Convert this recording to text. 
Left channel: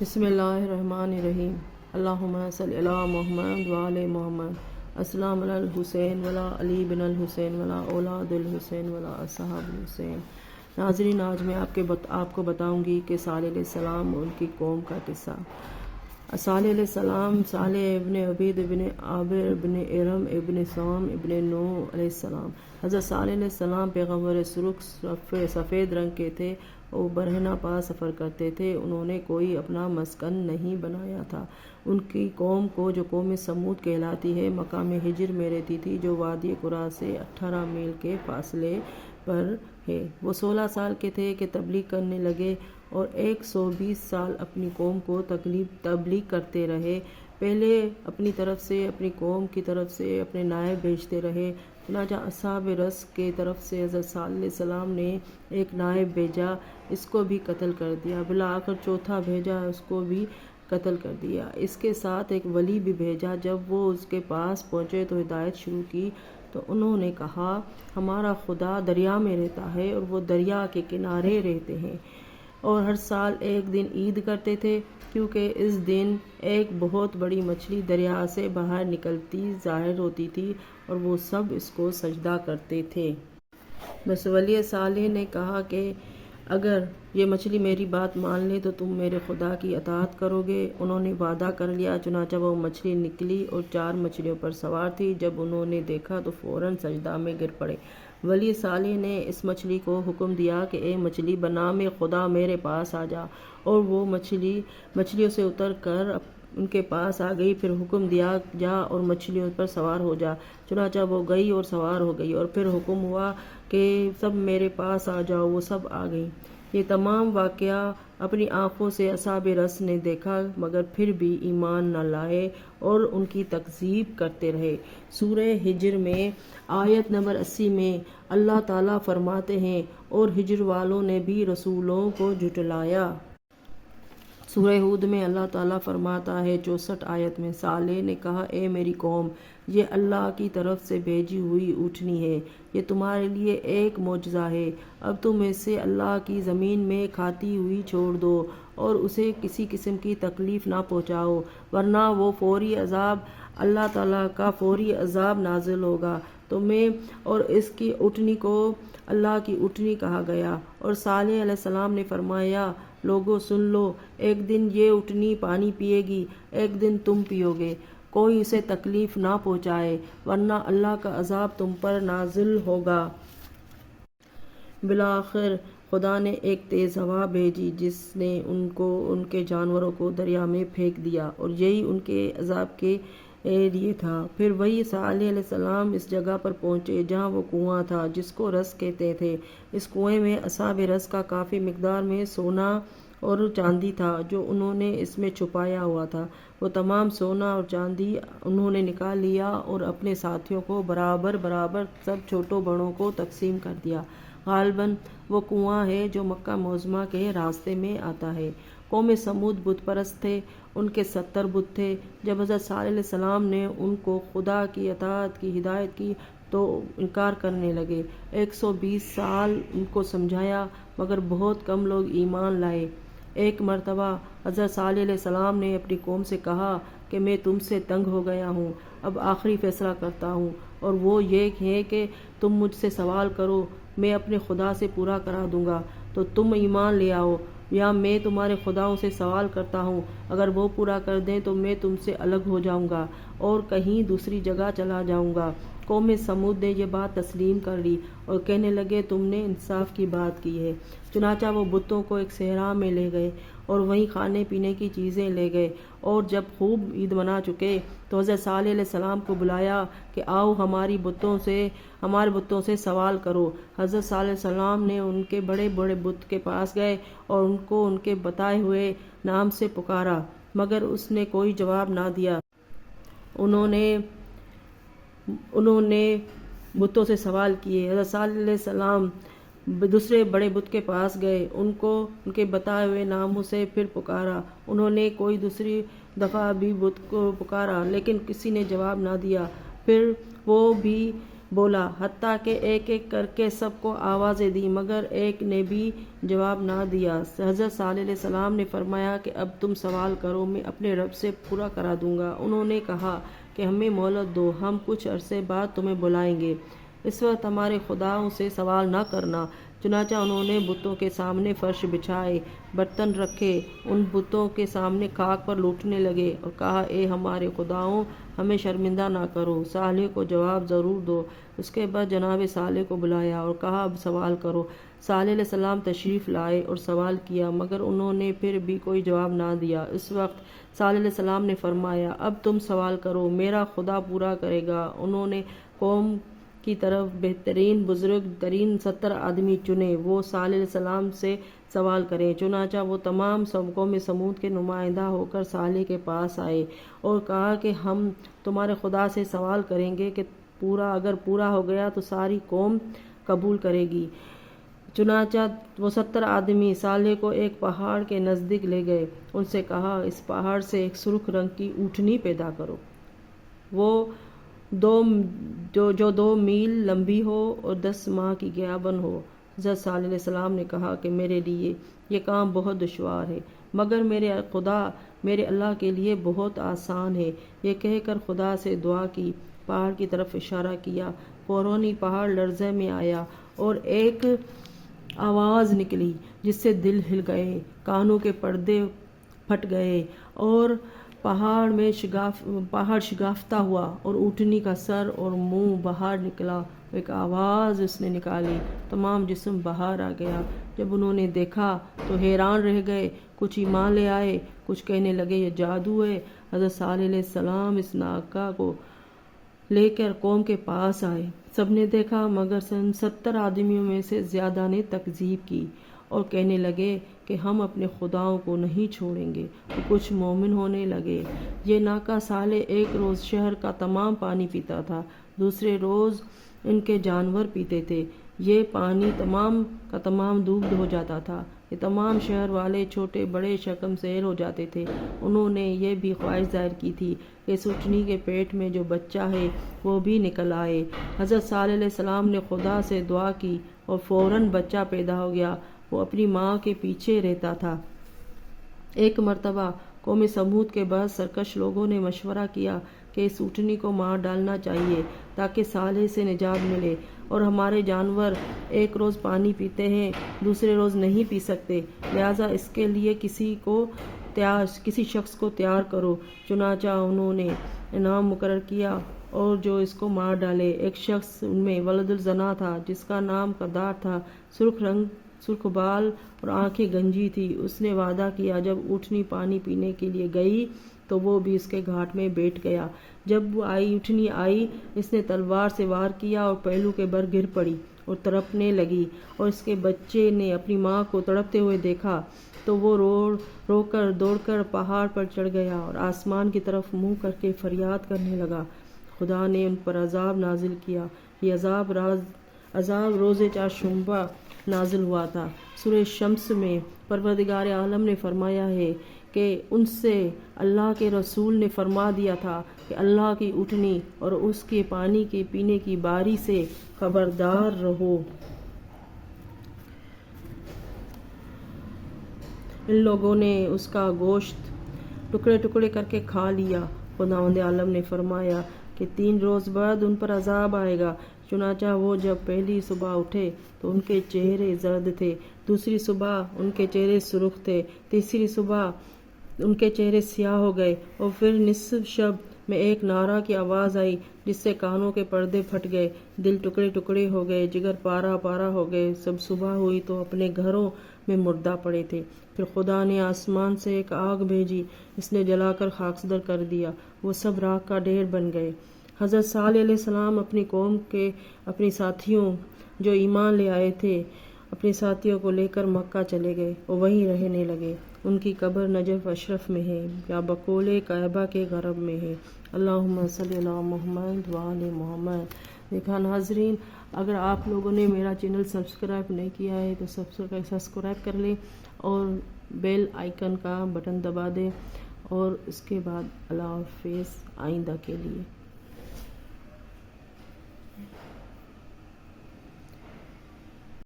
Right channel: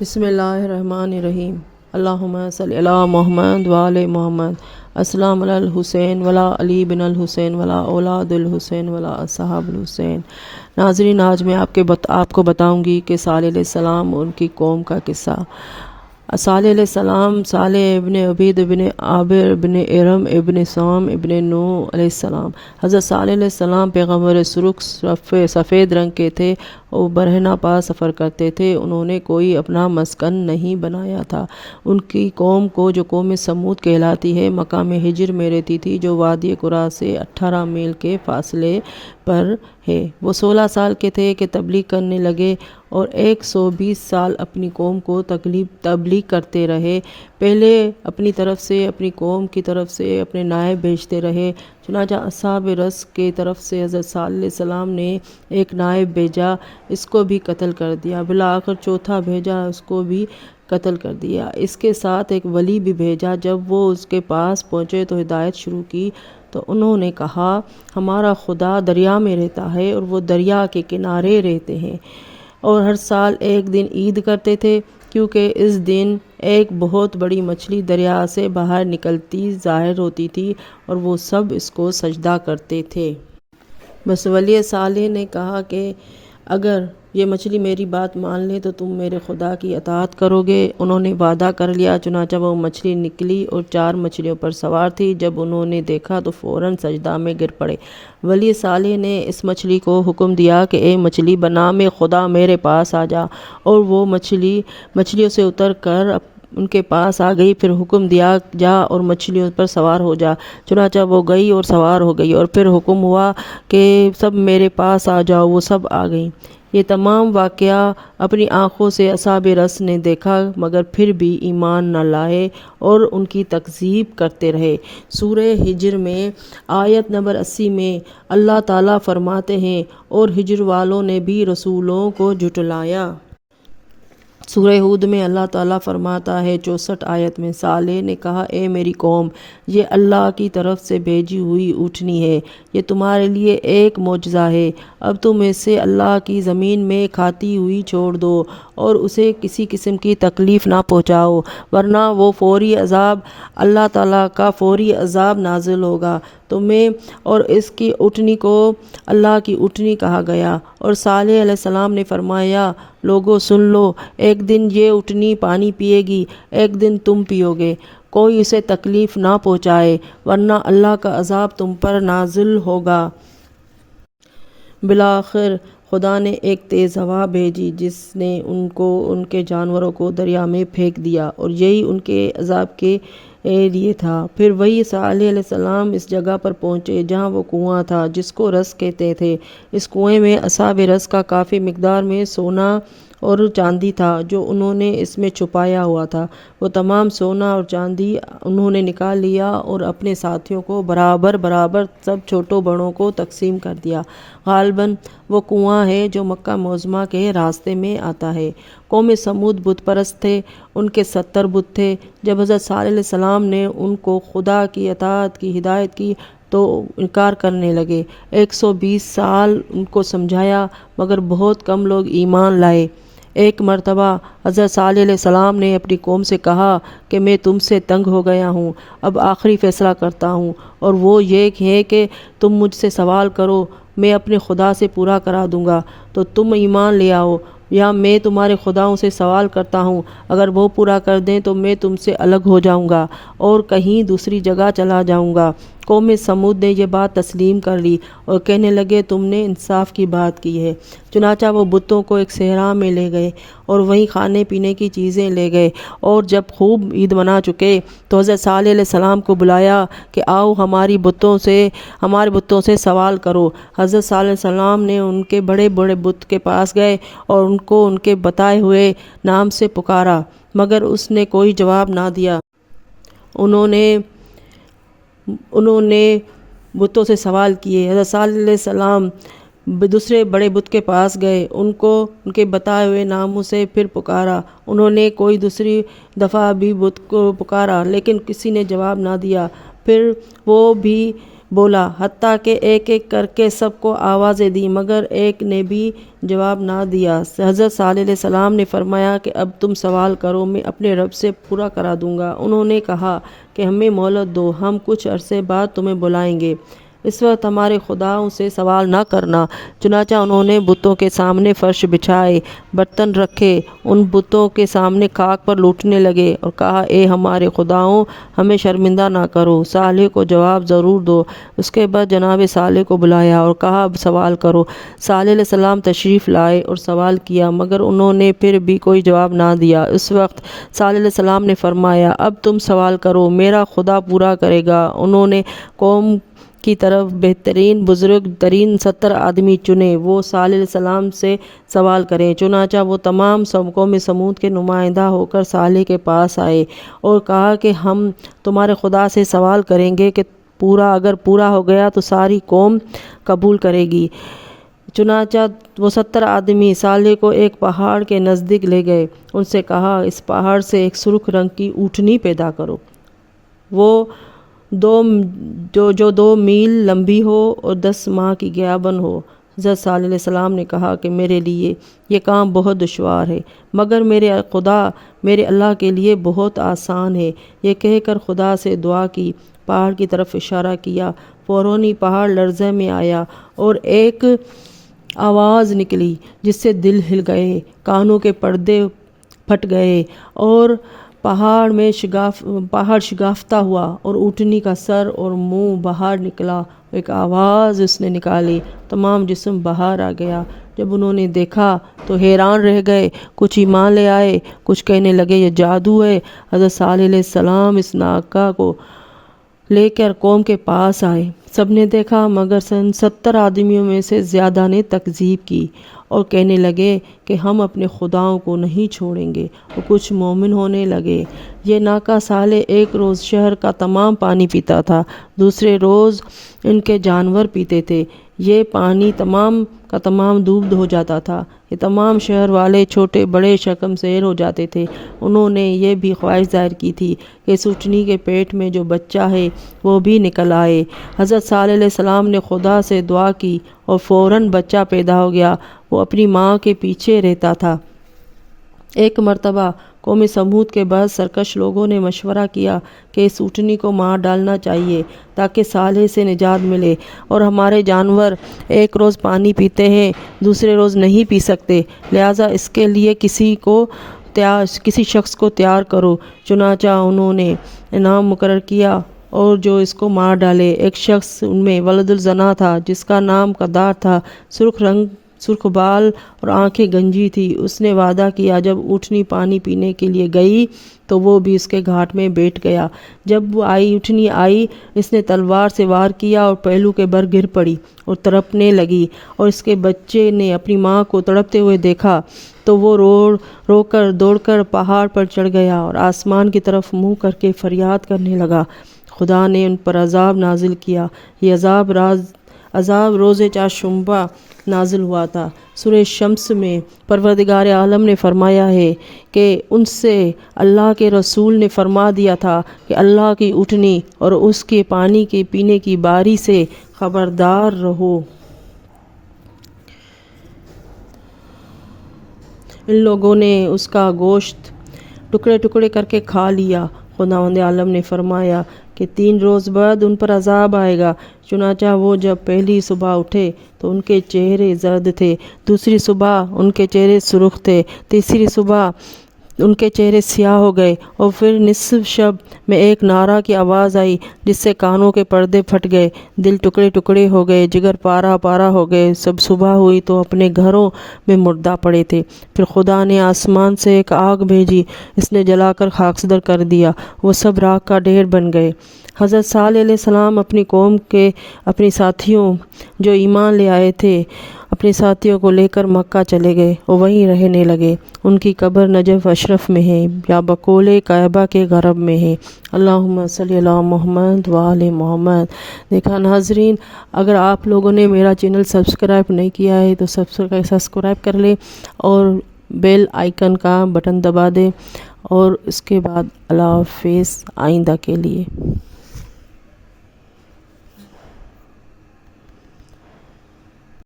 بسم اللہ الرحمن الرحیم۔ اللہم صلی علی محمد وآل محمد۔ السلام علی الحسین ولا علی بن الحسین ولا اولاد الحسین ولا اصحاب الحسین۔ ناظرین، آج میں آپ کو بتاؤں گی کہ صالح علیہ السلام اور ان کی قوم کا قصہ۔ صالح علیہ السلام، صالح ابن عبید ابن عابر ابن ارم ابن سام ابن نوح علیہ السلام۔ حضرت صالح علیہ السلام پیغمبر سرخ سفید رنگ کے تھے اور برہنہ پا سفر کرتے تھے۔ انہوں نے کوئی اپنا مسکن نہیں بنایا تھا۔ ان کی قوم کو، جو قوم سمود کہلاتی ہے، مقام ہجر میں رہتی تھی، جو وادی قرا سے 18 میل کے فاصلے پر ہے۔ وہ 16 سال کے تھے کہ تبلیغ کرنے لگے اور 120 سال اپنی قوم کو تبلیغ کرتے رہے۔ پہلے اپنی طرف سے، اپنی قوم کی طرف سے اپنے نائب بھیجتے رہے۔ چنانچہ اصحاب رس کی طرف سے حضرت صالح علیہ السلام نے ایک نائب بھیجا، اس کو بھی قتل کر دیا۔ بالآخر چوتھا بھیجا، اس کو بھی قتل کر دیا۔ اس کے ساتھ ایک ولی بھی بھیجا۔ جب وہ اس کے پاس پہنچے تو ہدایت شروع کی تو انہوں نے کہا، ہمارا خدا دریا میں رہتا ہے اور وہ دریا کے کنارے رہتے ہیں، اور ہر سال ایک دن عید کرتے تھے، کیونکہ اس دن ایک بہت بڑی مچھلی دریا سے باہر نکلتی ظاہر ہوتی تھی اور وہ سب اس کو سجدہ کرتے تھے۔ بس ولی صالح نے کہا کہ اگر یہ مچھلی میری بات مان لے تو تم میرے خدا کی اطاعت کرو گے۔ انہوں نے وعدہ کر لیا۔ چنانچہ وہ مچھلی نکلی اور 4 مچھلیوں پر سوار تھی۔ جب انہوں نے دیکھا تو فوراً سجدہ میں گر پڑے۔ ولی صالح نے اس مچھلی کو حکم دیا کہ اے مچھلی، بنام خدا میرے پاس آ جا، اور وہ مچھلیوں سے اتر کر ان کے پاس آ گئی۔ پھر حکم دیا، جا اور مچھلیوں پر سوار ہو جا۔ چنانچہ وہ گئی اور سوار ہو گئی، اور پھر حکم ہوا کہ سب میرے پاس آ جاؤ۔ وہ سب آ گئیں۔ یہ تمام واقعہ اپنی آنکھوں سے اصحاب رس نے دیکھا، مگر پھر بھی ایمان نہ لائے اور ان کی تکذیب کرتے رہے۔ سورہ ہجر میں آیت نمبر 80 میں اللہ تعالیٰ فرماتے ہیں، اور ہجر والوں نے بھی رسولوں کو جھٹلایا۔ سورہ ہود میں اللہ تعالیٰ فرماتا ہے 64 آیت میں، صالح نے کہا، اے میری قوم، یہ اللہ کی طرف سے بھیجی ہوئی اونٹنی ہے، یہ تمہارے لیے ایک معجزہ ہے۔ اب تم اسے اللہ کی زمین میں کھاتی ہوئی چھوڑ دو اور اسے کسی قسم کی تکلیف نہ پہنچاؤ، ورنہ وہ فوری عذاب، اللہ تعالیٰ کا فوری عذاب نازل ہوگا تمہیں۔ اور اس کی اونٹنی کو اللہ کی اونٹنی کہا گیا۔ اور صالح علیہ السلام نے فرمایا، لوگو سن لو، ایک دن یہ اونٹنی پانی پیے گی، ایک دن تم پیو گے۔ کوئی اسے تکلیف نہ پہنچائے، ورنہ اللہ کا عذاب تم پر نازل ہوگا۔ بالآخر خدا نے ایک تیز ہوا بھیجی جس نے ان کے جانوروں کو دریا میں پھینک دیا، اور یہی ان کے عذاب کے لیے تھا۔ پھر وہی صالح علیہ السلام اس جگہ پر پہنچے جہاں وہ کنواں تھا جس کو رس کہتے تھے۔ اس کنویں میں اصحاب رس کا کافی مقدار میں سونا اور چاندی تھا جو انہوں نے اس میں چھپایا ہوا تھا۔ وہ تمام سونا اور چاندی انہوں نے نکال لیا اور اپنے ساتھیوں کو برابر سب چھوٹوں بڑوں کو تقسیم کر دیا۔ غالباً وہ کنواں ہے جو مکہ معظمہ کے راستے میں آتا ہے۔ قوم سمود بت پرست تھے، ان کے 70 بت تھے۔ جب حضرت صالح علیہ السلام نے ان کو خدا کی اطاعت کی ہدایت کی تو انکار کرنے لگے۔ 120 سال ان کو سمجھایا، مگر بہت کم لوگ ایمان لائے۔ ایک مرتبہ حضرت صالح علیہ السلام نے اپنی قوم سے کہا کہ میں تم سے تنگ ہو گیا ہوں، اب آخری فیصلہ کرتا ہوں، اور وہ یہ ہے کہ تم مجھ سے سوال کرو، میں اپنے خدا سے پورا کرا دوں گا تو تم ایمان لے آؤ، یا میں تمہارے خداؤں سے سوال کرتا ہوں، اگر وہ پورا کر دیں تو میں تم سے الگ ہو جاؤں گا اور کہیں دوسری جگہ چلا جاؤں گا۔ قوم سمود نے یہ بات تسلیم کر لی اور کہنے لگے، تم نے انصاف کی بات کی ہے۔ چنانچہ وہ بتوں کو ایک صحرا میں لے گئے اور وہیں کھانے پینے کی چیزیں لے گئے، اور جب خوب عید منا چکے تو حضرت صالح علیہ السلام کو بلایا کہ آؤ ہمارے بتوں سے سوال کرو۔ حضرت صالح علیہ السلام نے ان کے بڑے بڑے بت کے پاس گئے اور ان کو ان کے بتائے ہوئے نام سے پکارا، مگر اس نے کوئی جواب نہ دیا۔ انہوں نے بتوں سے سوال کیے۔ حضرت صالح علیہ السلام دوسرے بڑے بت کے پاس گئے، ان کو ان کے بتائے ہوئے ناموں سے پھر پکارا۔ انہوں نے کوئی دوسری دفعہ بھی بت کو پکارا، لیکن کسی نے جواب نہ دیا۔ پھر وہ بھی بولا، حتیٰ کہ ایک ایک کر کے سب کو آوازیں دی، مگر ایک نے بھی جواب نہ دیا۔ حضرت صالح علیہ السلام نے فرمایا کہ اب تم سوال کرو، میں اپنے رب سے پورا کرا دوں گا۔ انہوں نے کہا کہ ہمیں مہلت دو، ہم کچھ عرصے بعد تمہیں بلائیں گے، اس وقت ہمارے خداؤں سے سوال نہ کرنا۔ چنانچہ انہوں نے بتوں کے سامنے فرش بچھائے، برتن رکھے، ان بتوں کے سامنے خاک پر لوٹنے لگے اور کہا، اے ہمارے خداؤں، ہمیں شرمندہ نہ کرو، صالح کو جواب ضرور دو۔ اس کے بعد جناب صالح کو بلایا اور کہا، اب سوال کرو۔ صالح علیہ السلام تشریف لائے اور سوال کیا، مگر انہوں نے پھر بھی کوئی جواب نہ دیا۔ اس وقت صالح علیہ السلام نے فرمایا، اب تم سوال کرو، میرا خدا پورا کرے گا۔ انہوں نے قوم کی طرف بہترین بزرگ ترین 70 آدمی چنے، وہ صالح علیہ السلام سے سوال کریں۔ چنانچہ وہ تمام قوم سمود کے نمائندہ ہو کر صالح کے پاس آئے اور کہا کہ ہم تمہارے خدا سے سوال کریں گے کہ اگر پورا ہو گیا تو ساری قوم قبول کرے گی۔ چنانچہ وہ 70 آدمی صالح کو ایک پہاڑ کے نزدیک لے گئے، ان سے کہا، اس پہاڑ سے ایک سرخ رنگ کی اونٹنی پیدا کرو، وہ جو 2 میل لمبی ہو اور 10 ماہ کی گیابن ہو۔ حضرت صالح علیہ السلام نے کہا کہ میرے لیے یہ کام بہت دشوار ہے، مگر میرے خدا میرے اللہ کے لیے بہت آسان ہے۔ یہ کہہ کر خدا سے دعا کی، پہاڑ کی طرف اشارہ کیا، فوراً ہی پہاڑ لرزے میں آیا اور ایک آواز نکلی جس سے دل ہل گئے، کانوں کے پردے پھٹ گئے اور پہاڑ شگافتہ ہوا اور اونٹنی کا سر اور منہ باہر نکلا۔ ایک آواز اس نے نکالی، تمام جسم باہر آ گیا۔ جب انہوں نے دیکھا تو حیران رہ گئے، کچھ ایمان لے آئے، کچھ کہنے لگے یہ جادو ہے۔ حضرت صالح علیہ السلام اس ناکہ کو لے کر قوم کے پاس آئے، سب نے دیکھا، مگر 70 آدمیوں میں سے زیادہ نے تکذیب کی اور کہنے لگے کہ ہم اپنے خداؤں کو نہیں چھوڑیں گے، اور کچھ مومن ہونے لگے۔ یہ ناکہ صالح ایک روز شہر کا تمام پانی پیتا تھا، دوسرے روز ان کے جانور پیتے تھے، یہ پانی تمام کا تمام ڈوب ہو جاتا تھا۔ یہ تمام شہر والے چھوٹے بڑے شرمسار ہو جاتے تھے۔ انہوں نے یہ بھی خواہش ظاہر کی تھی کہ اس اونٹنی کے پیٹ میں جو بچہ ہے وہ بھی نکل آئے۔ حضرت صالح علیہ السلام نے خدا سے دعا کی اور فوراً بچہ پیدا ہو گیا۔ وہ اپنی ماں کے پیچھے رہتا تھا۔ ایک مرتبہ قوم سمود کے بعض سرکش لوگوں نے مشورہ کیا کہ اس اونٹنی کو مار ڈالنا چاہیے تاکہ صالح سے نجات ملے، اور ہمارے جانور ایک روز پانی پیتے ہیں، دوسرے روز نہیں پی سکتے، لہٰذا اس کے لیے کسی شخص کو تیار کرو۔ چنانچہ انہوں نے انعام مقرر کیا اور جو اس کو مار ڈالے۔ ایک شخص ان میں ولد الزنا تھا جس کا نام قدار تھا، سرخ بال اور آنکھیں گنجی تھی۔ اس نے وعدہ کیا جب اونٹنی پانی پینے کے لیے گئی تو وہ بھی اس کے گھاٹ میں بیٹھ گیا۔ جب وہ اونٹنی آئی، اس نے تلوار سے وار کیا اور پہلو کے بر گر پڑی اور تڑپنے لگی، اور اس کے بچے نے اپنی ماں کو تڑپتے ہوئے دیکھا تو وہ دوڑ کر پہاڑ پر چڑھ گیا اور آسمان کی طرف منہ کر کے فریاد کرنے لگا۔ خدا نے ان پر عذاب نازل کیا۔ یہ عذاب روز چہارشنبہ نازل ہوا تھا۔ سورہ شمس میں پروردگار عالم نے فرمایا ہے کہ ان سے اللہ کے رسول نے فرما دیا تھا کہ اللہ کی اونٹنی اور اس کے پانی کے پینے کی باری سے خبردار رہو۔ ان لوگوں نے اس کا گوشت ٹکڑے ٹکڑے کر کے کھا لیا۔ خداوند عالم نے فرمایا کہ 3 روز بعد ان پر عذاب آئے گا۔ چنانچہ وہ جب پہلی صبح اٹھے تو ان کے چہرے زرد تھے، دوسری صبح ان کے چہرے سرخ تھے، تیسری صبح ان کے چہرے سیاہ ہو گئے، اور پھر نصف شب میں ایک نعرہ کی آواز آئی جس سے کانوں کے پردے پھٹ گئے، دل ٹکڑے ٹکڑے ہو گئے، جگر پارا پارا ہو گئے۔ سب صبح ہوئی تو اپنے گھروں میں مردہ پڑے تھے۔ پھر خدا نے آسمان سے ایک آگ بھیجی، اس نے جلا کر خاکسدر کر دیا، وہ سب راکھ کا ڈھیر بن گئے۔ حضرت صالح علیہ السلام اپنی قوم کے اپنے ساتھیوں جو ایمان لے آئے تھے اپنے ساتھیوں کو لے کر مکہ چلے گئے اور وہیں رہنے لگے۔ ان کی قبر نجف اشرف میں ہے یا بقول کعبہ کے غرب میں ہے۔ اللہم صلی علی محمد وآل محمد۔ دیکھا ناظرین، اگر آپ لوگوں نے میرا چینل سبسکرائب نہیں کیا ہے تو سبسکرائب کر لیں اور بیل آئیکن کا بٹن دبا دیں، اور اس کے بعد اللہ حافظ آئندہ کے لیے۔